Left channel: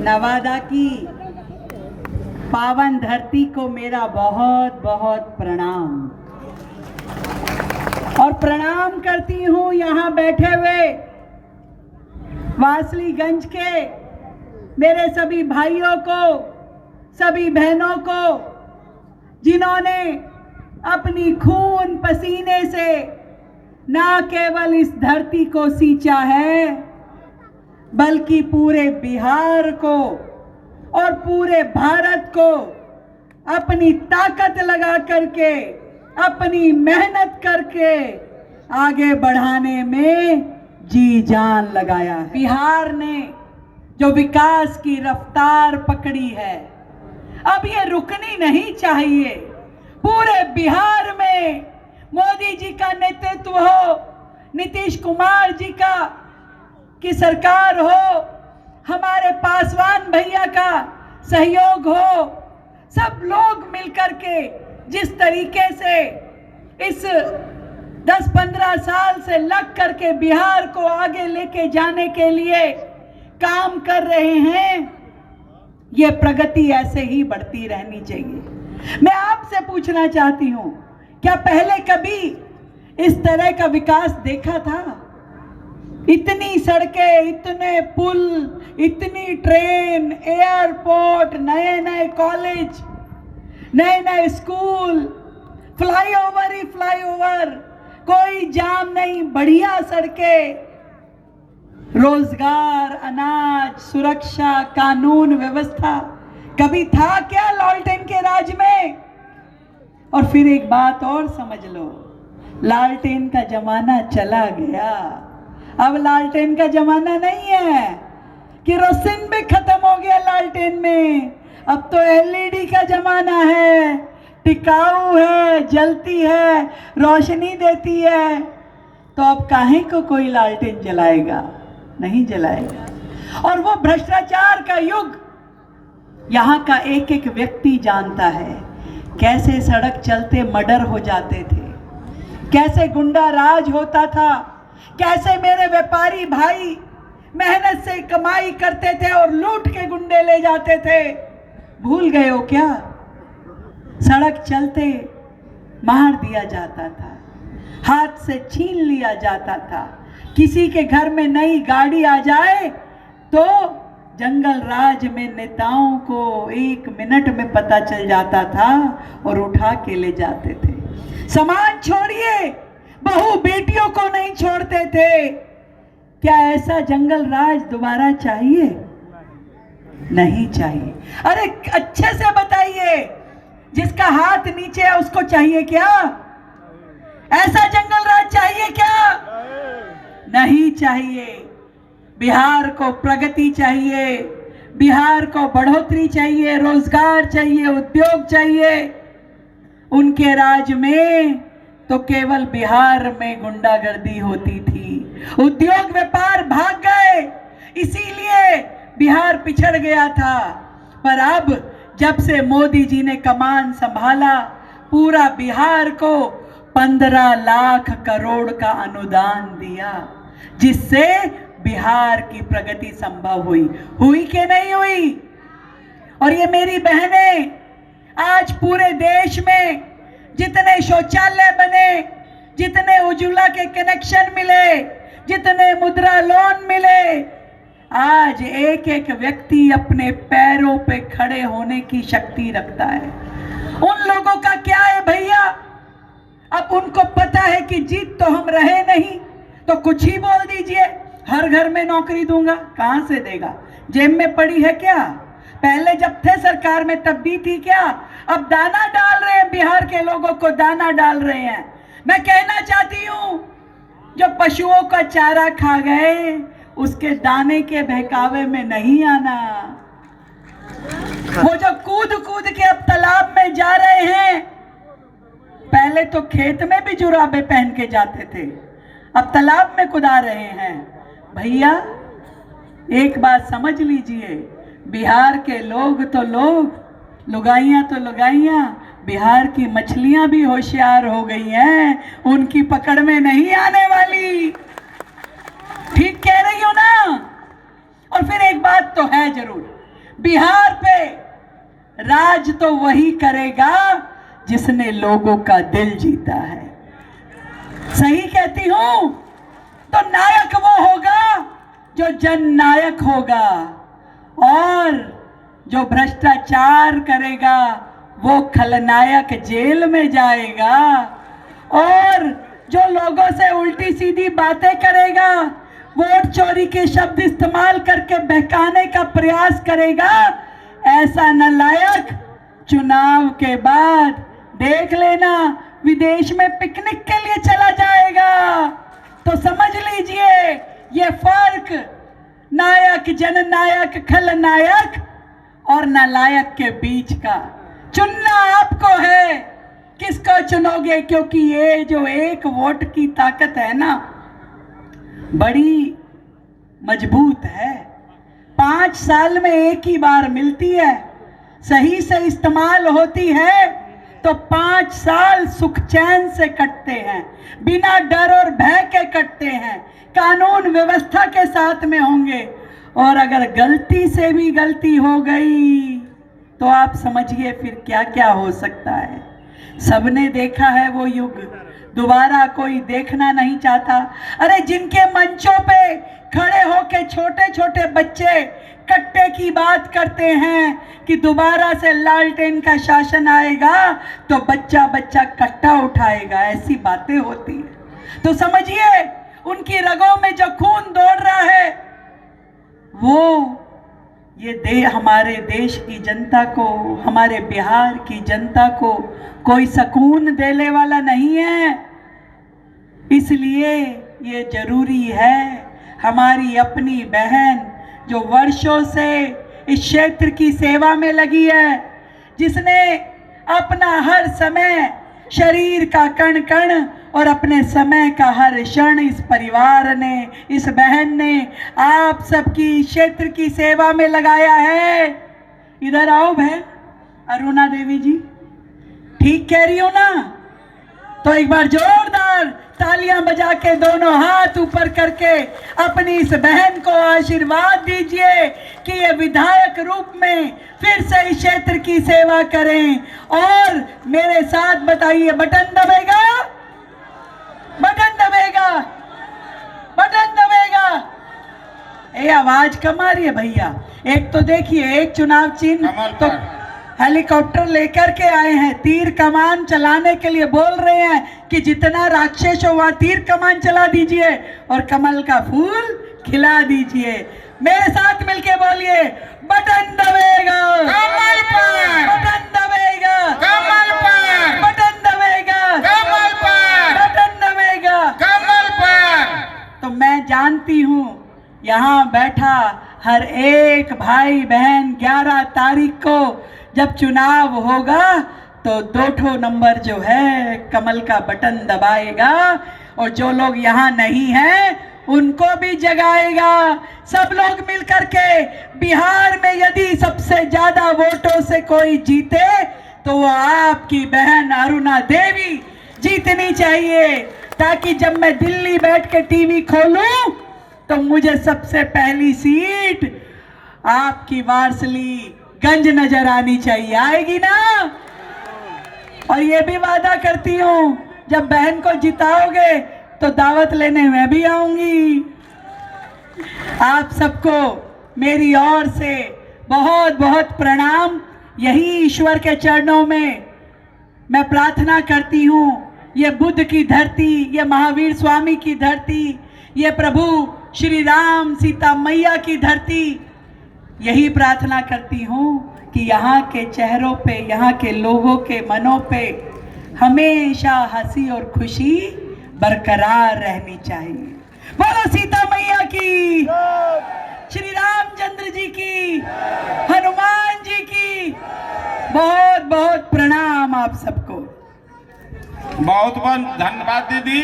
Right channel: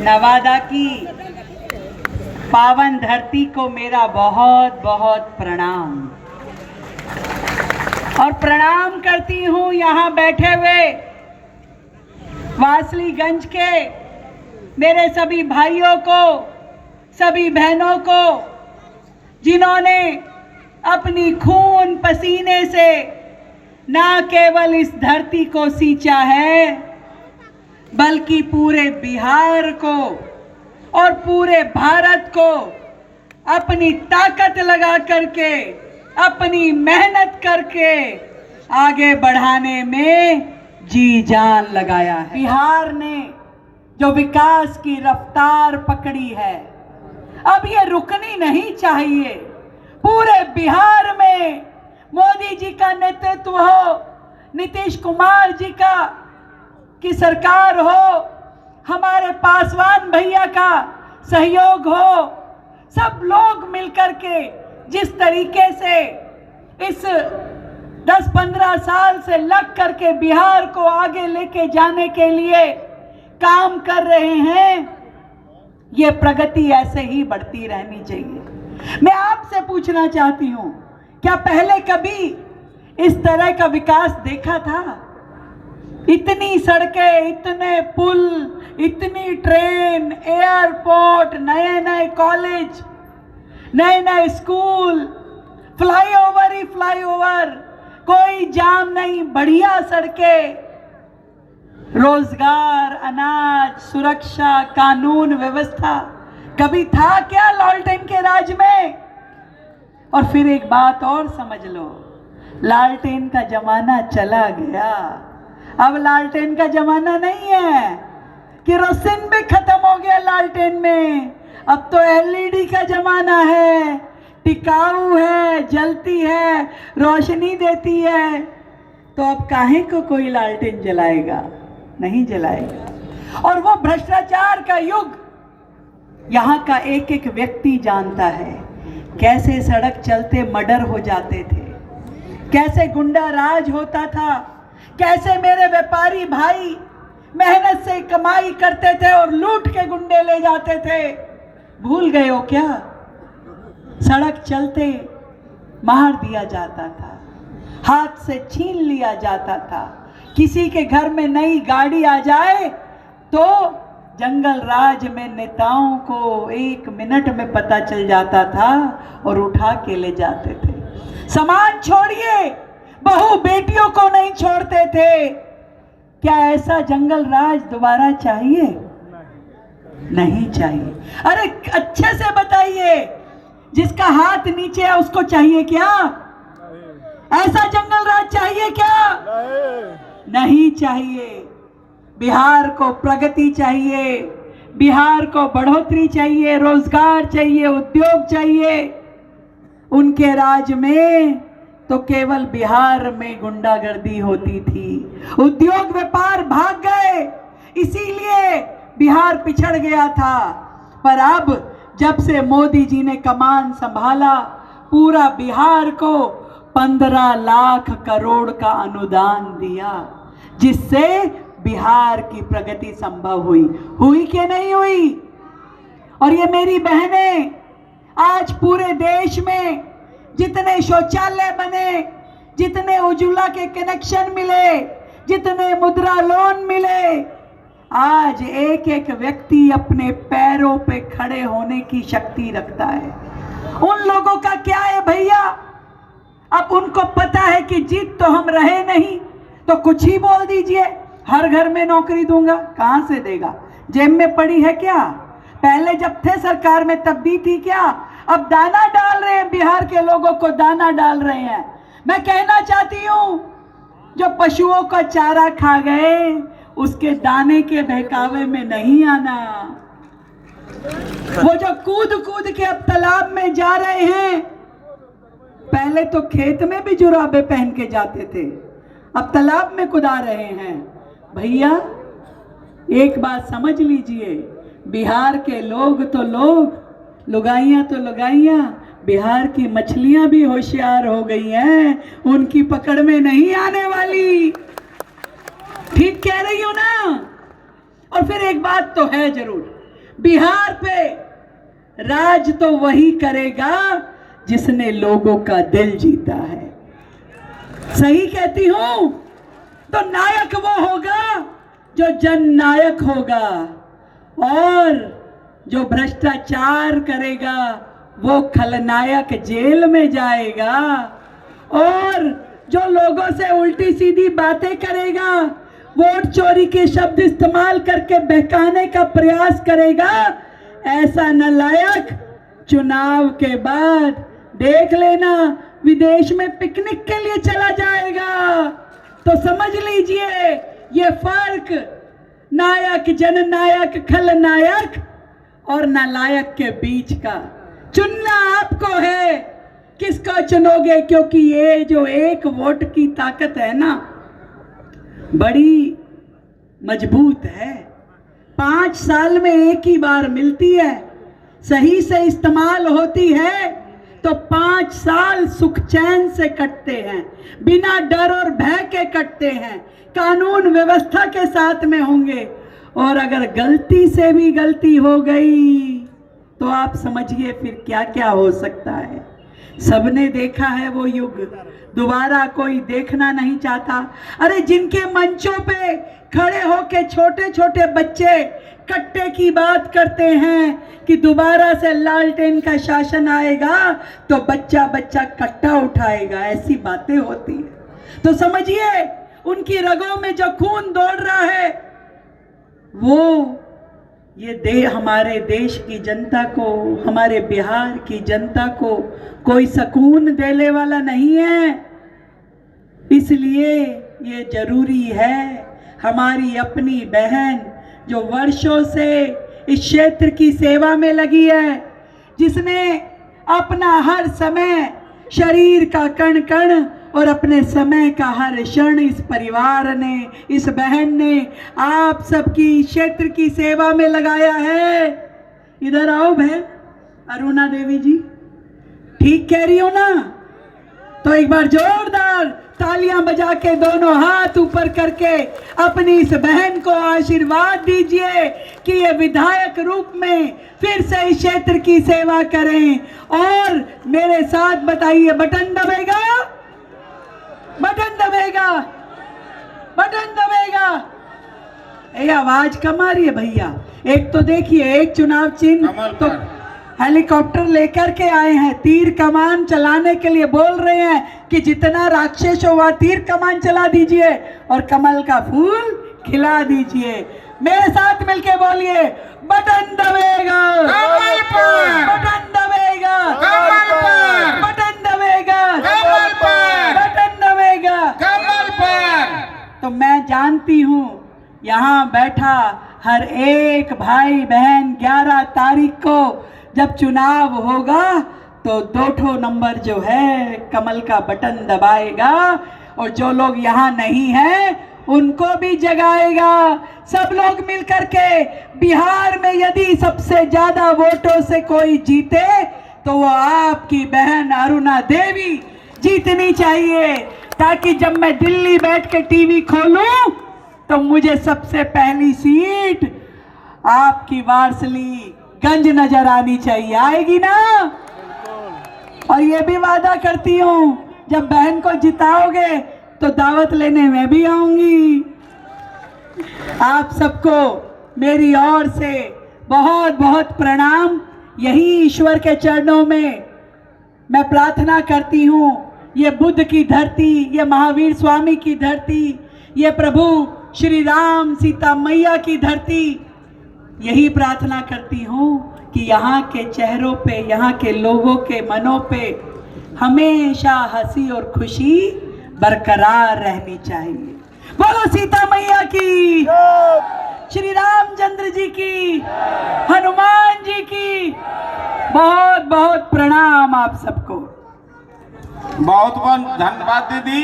नवादा की पावन धरती को मेरा बहुत बहुत प्रणाम। और प्रणाम करती हूँ यहाँ बैठे हुए वासलीगंज के मेरे सभी भाइयों को, सभी बहनों को, जिन्होंने अपनी खून पसीने से ना केवल इस धरती को सींचा है, बल्कि पूरे बिहार को और पूरे भारत को अपनी ताकत लगा करके, अपनी मेहनत करके आगे बढ़ाने में जी जान लगाया है। बिहार ने जो विकास की रफ्तार पकड़ी है, अब ये रुकनी नहीं चाहिए। पूरे बिहार में मोदी जी का नेतृत्व हो, नीतीश कुमार जी की सरकार हो, हमारे पासवान भैया का सहयोग हो, सब लोग मिलकर के जिस तरीके से इस 10-15 साल से लग करके बिहार को आगे लेके जाने के लिए काम कर रहे हैं, ये प्रगति ऐसे ही बढ़ती रहनी चाहिए। मैं आपसे पूछना चाहती हूं, क्या पहले कभी इस तरह का विकास देखा था? इतनी सड़कें, इतने पुल, इतनी ट्रेन, एयरपोर्ट, नए नए कॉलेज, नए नए स्कूल, फ्लाईओवर ही फ्लाईओवर, कोई जाम नहीं, बढ़िया सड़कें, रोजगार, अनाज, सुरक्षा, कानून व्यवस्था कभी था क्या लालटेन के राज में? और फिर एक बात और समझ लो, लालटेन का जमाना चला गया। अब लालटेन का जमाना नहीं है, केरोसिन भी खत्म हो गया लालटेन में। अब तो एलईडी का जमाना है, टिकाऊ है, जलती है, रोशनी देती है। तो अब काहे को कोई लालटेन जलाएगा? नहीं जलाएगा। और वो भ्रष्टाचार का युग यहाँ का एक एक व्यक्ति जानता है, कैसे सड़क चलते मर्डर हो जाते थे, कैसे गुंडा राज होता था, कैसे मेरे व्यापारी भाई मेहनत से कमाई करते थे और लूट के गुंडे ले जाते थे। भूल गए हो क्या? सड़क चलते मार दिया जाता था, हाथ से छीन लिया जाता था। किसी के घर में नई गाड़ी आ जाए तो जंगल राज में नेताओं को 1 मिनट में पता चल जाता था और उठा के ले जाते थे। समाज छोड़िए, बहू बेटियों को नहीं छोड़ते थे। क्या ऐसा जंगल राज दोबारा चाहिए? नहीं चाहिए। अरे अच्छे से बताइए, जिसका हाथ नीचे है उसको चाहिए क्या? ऐसा जंगल राज चाहिए क्या? नहीं चाहिए। बिहार को प्रगति चाहिए, बिहार को बढ़ोतरी चाहिए, रोजगार चाहिए, उद्योग चाहिए। उनके राज में तो केवल बिहार में गुंडागर्दी होती थी, उद्योग व्यापार भाग गए, इसीलिए बिहार पिछड़ गया था। पर अब जब से मोदी जी ने कमान संभाला, पूरा बिहार को 15 लाख करोड़ का अनुदान दिया, जिससे बिहार की प्रगति संभव हुई। हुई कि नहीं हुई? और ये मेरी बहनें, आज पूरे देश में जितने शौचालय बने, जितने उज्ज्वला के कनेक्शन मिले, जितने मुद्रा लोन मिले, आज एक एक व्यक्ति अपने पैरों पे खड़े होने की शक्ति रखता है। उन लोगों का क्या है भैया? अब उनको पता है कि जीत तो हम रहे नहीं, तो कुछ ही बोल दीजिए, हर घर में नौकरी दूंगा। कहां से देगा? जेब में पड़ी है क्या? पहले जब थे सरकार में तब दी थी क्या? अब दाना डाल रहे हैं, बिहार के लोगों को दाना डाल रहे हैं। मैं कहना चाहती हूं, जो पशुओं का चारा खा गए, उसके दाने के बहकावे में नहीं आना। वो जो कूद कूद के अब तालाब में जा रहे हैं, पहले तो खेत में भी जुराबे पहन के जाते थे, अब तालाब में कुदा रहे हैं। भैया एक बात समझ लीजिए, बिहार के लोग तो लोग, लुगाइयां तो लुगाइयां, बिहार की मछलियां भी होशियार हो गई हैं, उनकी पकड़ में नहीं आने वाली। ठीक कह रही हो ना? और फिर एक बात तो है जरूर, बिहार पे राज तो वही करेगा जिसने लोगों का दिल जीता है। सही कहती हूं? तो नायक वो होगा जो जननायक होगा, और जो भ्रष्टाचार करेगा वो खलनायक जेल में जाएगा, और जो लोगों से उल्टी सीधी बातें करेगा, वोट चोरी के शब्द इस्तेमाल करके बहकाने का प्रयास करेगा, ऐसा नालायक चुनाव के बाद देख लेना विदेश में पिकनिक के लिए चला जाएगा। तो समझ लीजिए ये फर्क नायक, जननायक, खलनायक और नालायक के बीच का। चुनना आपको है, किसको चुनोगे, क्योंकि ये जो एक वोट की ताकत है ना, बड़ी मजबूत है। 5 साल में एक ही बार मिलती है, सही से इस्तेमाल होती है तो 5 साल सुख चैन से कटते हैं, बिना डर और भय के कटते हैं, कानून व्यवस्था के साथ में होंगे। और अगर गलती से भी गलती हो गई तो आप समझिए फिर क्या क्या हो सकता है। सबने देखा है वो युग, दोबारा कोई देखना नहीं चाहता। अरे जिनके मंचों पे खड़े होके छोटे छोटे बच्चे कट्टे की बात करते हैं कि दोबारा से लालटेन का शासन आएगा तो बच्चा बच्चा कट्टा उठाएगा, ऐसी बातें होती है। तो समझिए उनकी रगों में जो खून दौड़ रहा है वो ये हमारे देश की जनता को, हमारे बिहार की जनता को कोई सुकून देने वाला नहीं है। इसलिए ये जरूरी है हमारी अपनी बहन जो वर्षों से इस क्षेत्र की सेवा में लगी है, जिसने अपना हर समय, शरीर का कण कण और अपने समय का हर क्षण इस परिवार ने, इस बहन ने आप सबकी क्षेत्र की सेवा में लगाया है। इधर आओ बहन अरुणा देवी जी, ठीक कह रही हूं ना? तो एक बार जोरदार तालियां बजा के दोनों हाथ ऊपर करके अपनी इस बहन को आशीर्वाद दीजिए कि ये विधायक रूप में फिर से इस क्षेत्र की सेवा करें। और मेरे साथ बताइए, बटन दबेगा, बटन दबेगा, बटन दबेगा। ये आवाज कम आ रही है भैया। एक तो देखिए, एक चुनाव चिन्ह तो हेलीकॉप्टर लेकर के आए हैं, तीर कमान चलाने के लिए बोल रहे हैं कि जितना राक्षस हो वहां तीर कमान चला दीजिए और कमल का फूल खिला दीजिए। मेरे साथ मिलके बोलिए, बटन दबेगा, कमल पर, बटन दबेगा, कमल पर, बटन दबेगा, कमल पर, बटन दबेगा, कमल पर। तो मैं जानती हूँ यहाँ बैठा हर एक भाई बहन 11 तारीख को जब चुनाव होगा तो 2 नंबर जो है कमल का बटन दबाएगा, और जो लोग यहाँ नहीं हैं उनको भी जगाएगा। सब लोग मिलकर के बिहार में यदि सबसे ज्यादा वोटों से कोई जीते तो वो आपकी बहन अरुणा देवी जीतनी चाहिए, ताकि जब मैं दिल्ली बैठ के टीवी खोलूं तो मुझे सबसे पहली सीट आपकी वारसली गंज नजर आनी चाहिए। आएगी ना? और ये भी वादा करती हूं जब बहन को जिताओगे तो दावत लेने मैं भी आऊंगी। आप सबको मेरी ओर से बहुत बहुत प्रणाम। यही ईश्वर के चरणों में मैं प्रार्थना करती हूं, ये बुद्ध की धरती, ये महावीर स्वामी की धरती, ये प्रभु श्री राम सीता मैया की धरती, यही प्रार्थना करती हूँ कि यहाँ के चेहरों पे, यहाँ के लोगों के मनों पे हमेशा हंसी और खुशी बरकरार रहनी चाहिए। बोलो सीता मैया की, श्री रामचंद्र जी की, हनुमान जी की। बहुत बहुत प्रणाम आप सबको। बहुत बहुत धन्यवाद दीदी।